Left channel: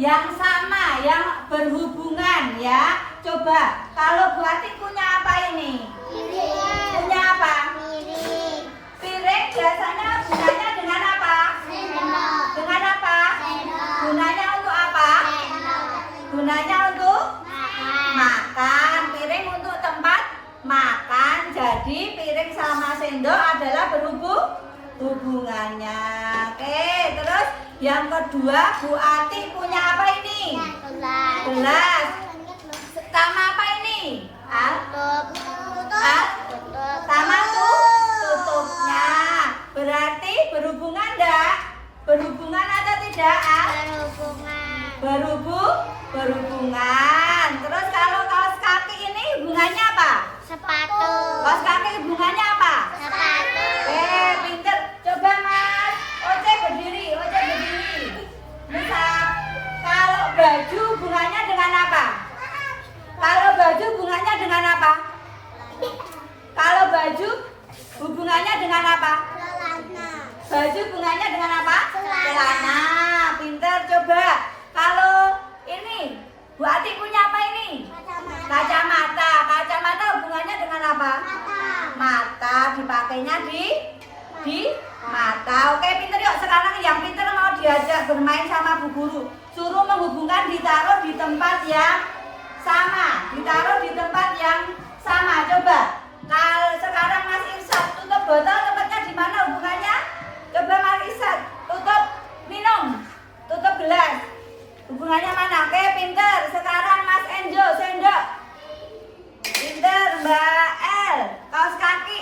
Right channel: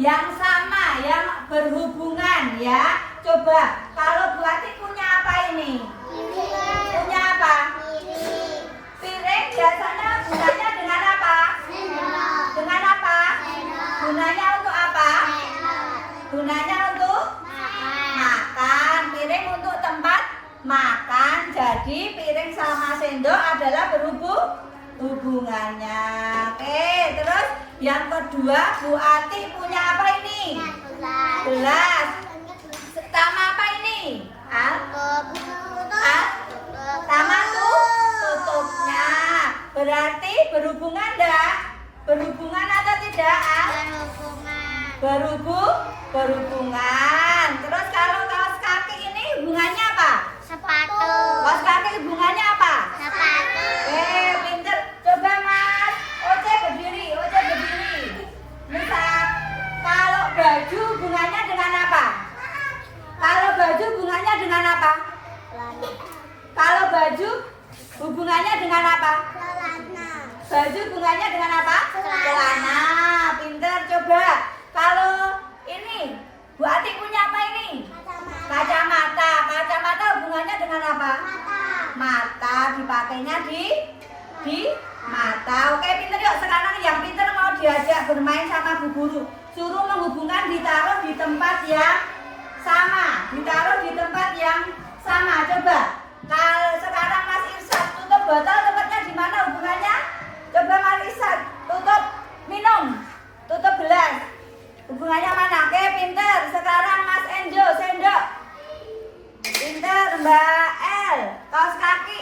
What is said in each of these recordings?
yang sama, yang berhubungan ya. Coba, kalau Bu Ati punya apa ini? Piring. Punya apa? Piring. Piring biasanya gunanya dengan apa? Sendok. Dengan apa? Sendok. Gunanya untuk apa? Sendok. Gunanya untuk Makan. makan. Piring untuk tempat makan. Jadi piring sama sendok adalah hubungannya. Oke, terus yang kedua Bu Ati punya apa ini? Gelas. Gelas. Sama apa ini? Tutup. Tutup. Sama tutupnya. Berarti berhubungan enggak? Berhubungan atau tidak? Berhubungan. Berhubungan. Terus kalau kaos kaki ini hubungannya apa? Sepatu. Kaos kaki hubungannya apa? Sepatu. Pinter. Coba Mas. Oce berdiri. Misal, kalau baju hubungannya dengan apa? Kalau baju hubungannya dengan apa? Kalau baju hubungannya dengan apa? Celana. Baju hubungannya dengan apa? Celana. Pinter. Coba. Kalau ini, Bu Ati punya apa ini? Kacamata. Kacamata hubungannya dengan apa? Mata. Dipakainya di mata. Oke, pinter yuk. Sekarang yang pinter mau diajak bermain sama Bu Guru. Suruh menghubungkan, ditaruh di tempat yang sama. Ditaruh di tempat yang sama. Coba. Kalau sekarang Mas Irsyad tutup botol, tempatnya di mana hubungannya? Coba Mas Irsyad tutup minum, tutup gelas. Hubungannya mana? Oke, pinter. Sekarang Mas Enjo sendok. Pinter, Mbak El. Kaos kaki.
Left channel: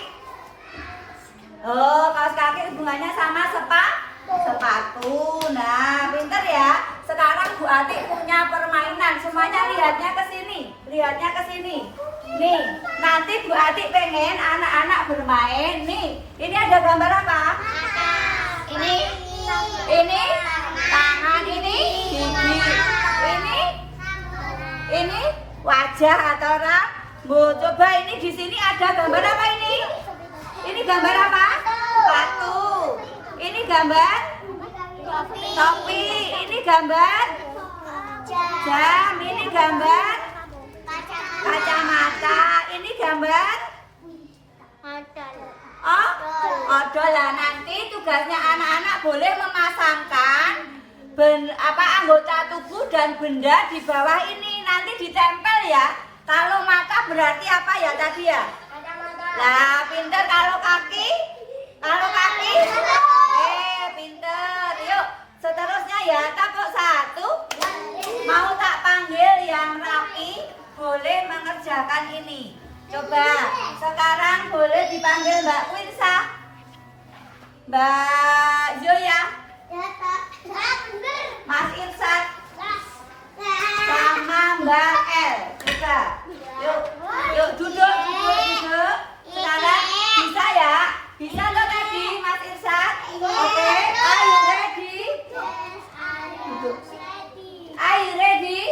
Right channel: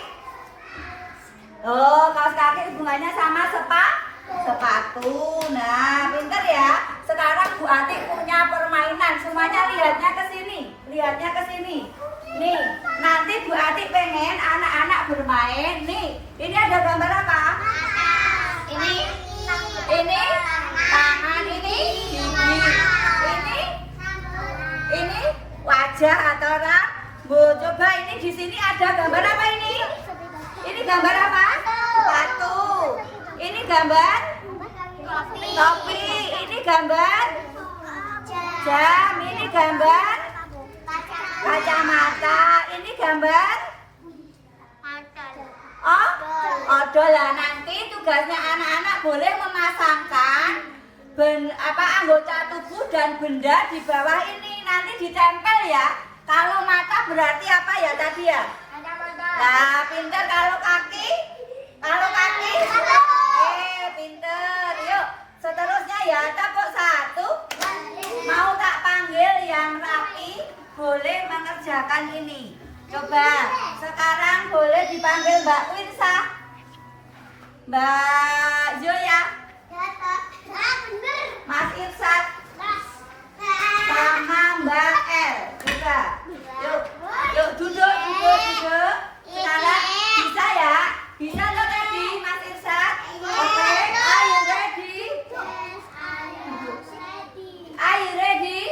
Oh, kaos kaki hubungannya sama sepatu. Nah, pinter ya. Sekarang Bu Ati punya permainan. Semuanya lihatnya ke sini. Lihatnya ke sini. Nih, nanti Bu Ati pengen anak-anak bermain. Nih, ini ada gambar apa? Ini tangan, ini gigi. Ini wajah atau rambut. Coba ini di sini ada gambar apa ini? Ini gambar apa? Sepatu. Ini gambar topi. Ini gambar jam. Ini gambar kacamata. Ini gambar odol. Lah nanti tugasnya anak-anak boleh memasangkan anggota tubuh dan benda di bawah ini. Nanti ditempel ya. Kalau mata berarti apa ya tadi ya? Nah, pinter. Kalau kaki? Pinter. Yuk, seterusnya ya. Takut satu. Mau tak panggil yang rapi, boleh mengerjakan ini. Coba, sekarang boleh dipanggil Mbak Kwinsa, Mbak Zoya, Mas Irsyad, sama Mbak El. Coba, yuk duduk. Sekarang bisa ya? Bisa nggak tadi Mas Irsyad? Oke, are you ready? Are you ready?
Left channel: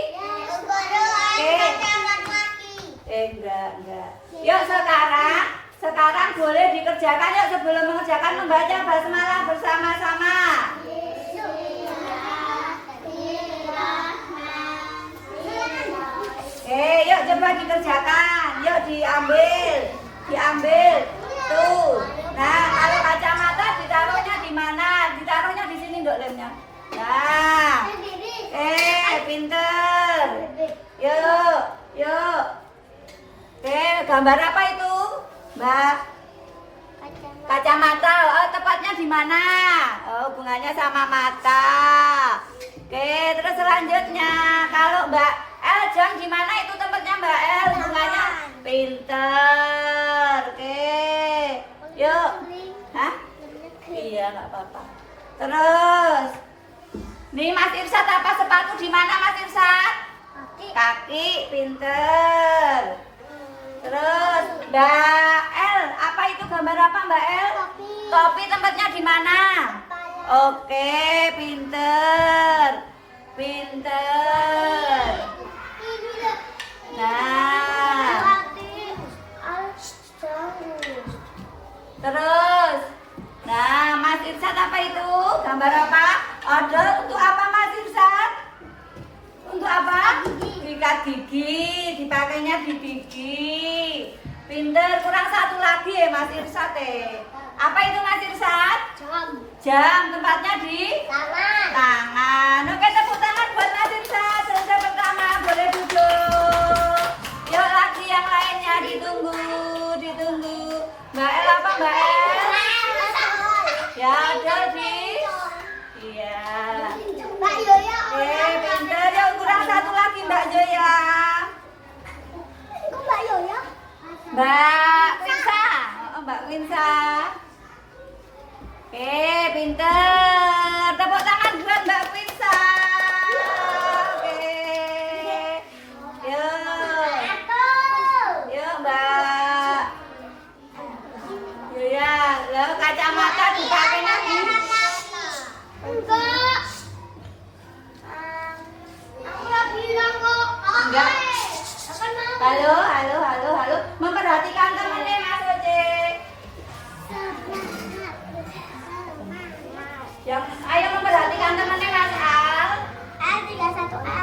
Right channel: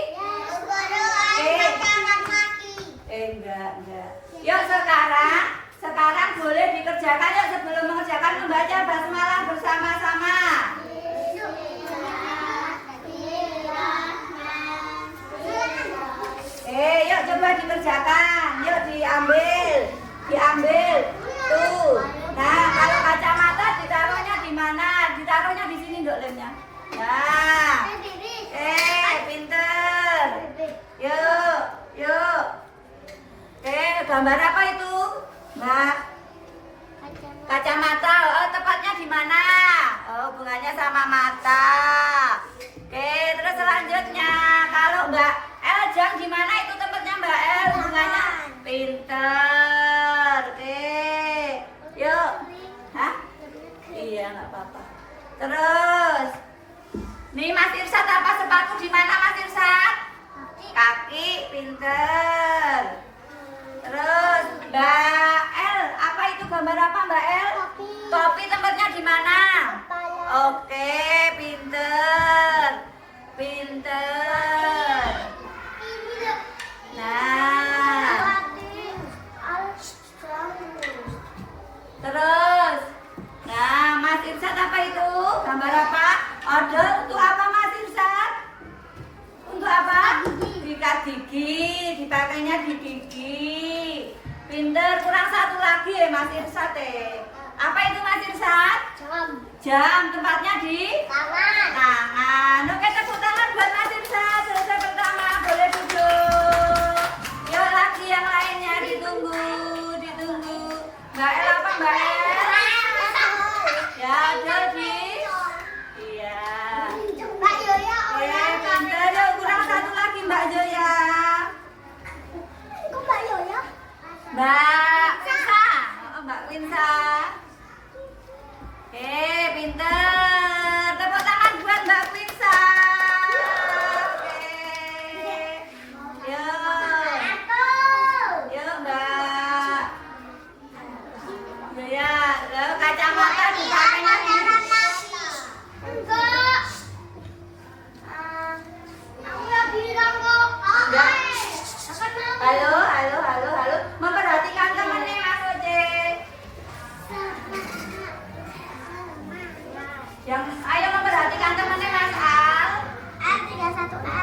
Enggak. Yuk sekarang boleh dikerjakan. Yuk sebelum mengerjakan membaca basmalah bersama-sama. Yuk coba dikerjakan. Yuk diambil. Tuh. Nah, kalau kacamata ditaruhnya di mana? Ditaruhnya di sini Nduk lemnya. Nah. Pinter. Yuk. Gambar apa itu, Mbak? Kacamata. Oh, tepatnya di mana? Oh, hubungannya sama mata. Oke, terus selanjutnya kalau Mbak El jam di mana itu tempatnya Mbak El? Hubungannya pinter. Oke. Yuk. Hah? Iya, nggak apa-apa. Terus nih Mas Irsyad, apa sepatu di mana Mas Irsyad? Kaki, pinter. Terus Mbak El, apa itu gambar apa Mbak El? Topi tempatnya di mana? Oke, pinter. Nah, terus, nah Mas Irsyad apa itu? Gambar apa? Odol untuk apa Mas Irsyad? Sikat gigi, dipakainya di gigi. Pinter, kurang satu lagi ya Mas Irsat ya. Apa itu Mas Irsat? Jam, tempatnya di tangan. Oke, tepuk tangan buat Mas Irsat. Selesai pertama, boleh duduk. Yuk lagi yang lainnya ditunggu. Mbak El apa Mbak El? Ya ada di. Iya. Pinter, yuk kurang satu lagi Mbak Joya. Mbak Winsa. Oh, Mbak Winsa. Pinter. Tepuk tangan buat Mbak Winsa. Oke. Yuk Mbak. Ya, kacamata dipakai lagi. Enggak. Halo. Memperhatikan temennya Mas Oce. Ayo memperhatikan temennya Mas Al.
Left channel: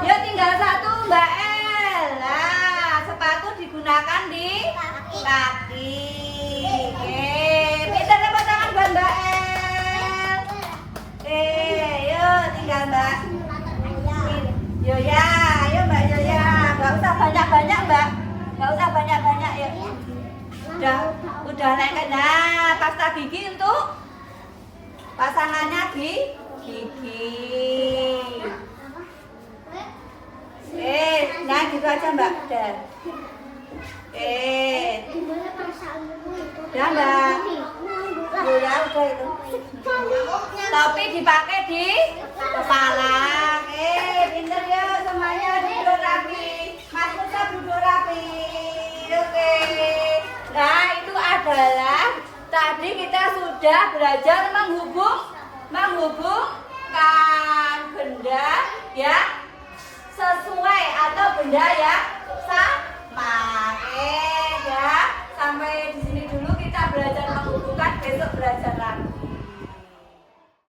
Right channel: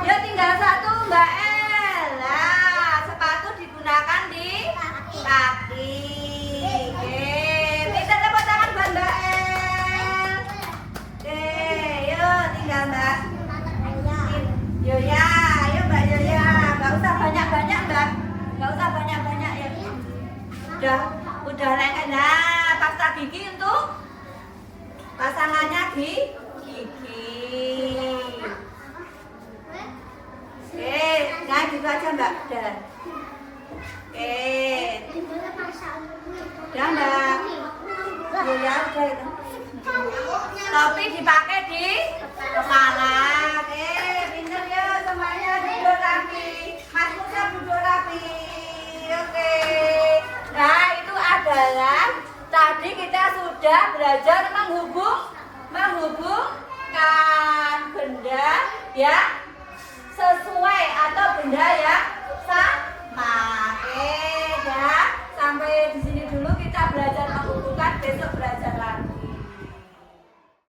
Yuk tinggal satu Mbak El. Nah, sepatu digunakan di kaki. Oke, bisa tepuk tangan buat Mbak El. Oke, yuk tinggal Mbak Yoya. Yuk Mbak Yoya. Gak usah banyak-banyak Mbak. Gak usah banyak-banyak ya. Udah lengket. Nah, pasta gigi untuk pasangannya di gigi. Nah gitu aja Mbak. Dan udah Mbak. Ya udah itu. Topi dipakai di kepala. Pinter ya semuanya duduk rapi. Mas Musa duduk rapi. Oke. Nah itu adalah tadi kita sudah belajar menghubungkan benda ya sesuai atau benda ya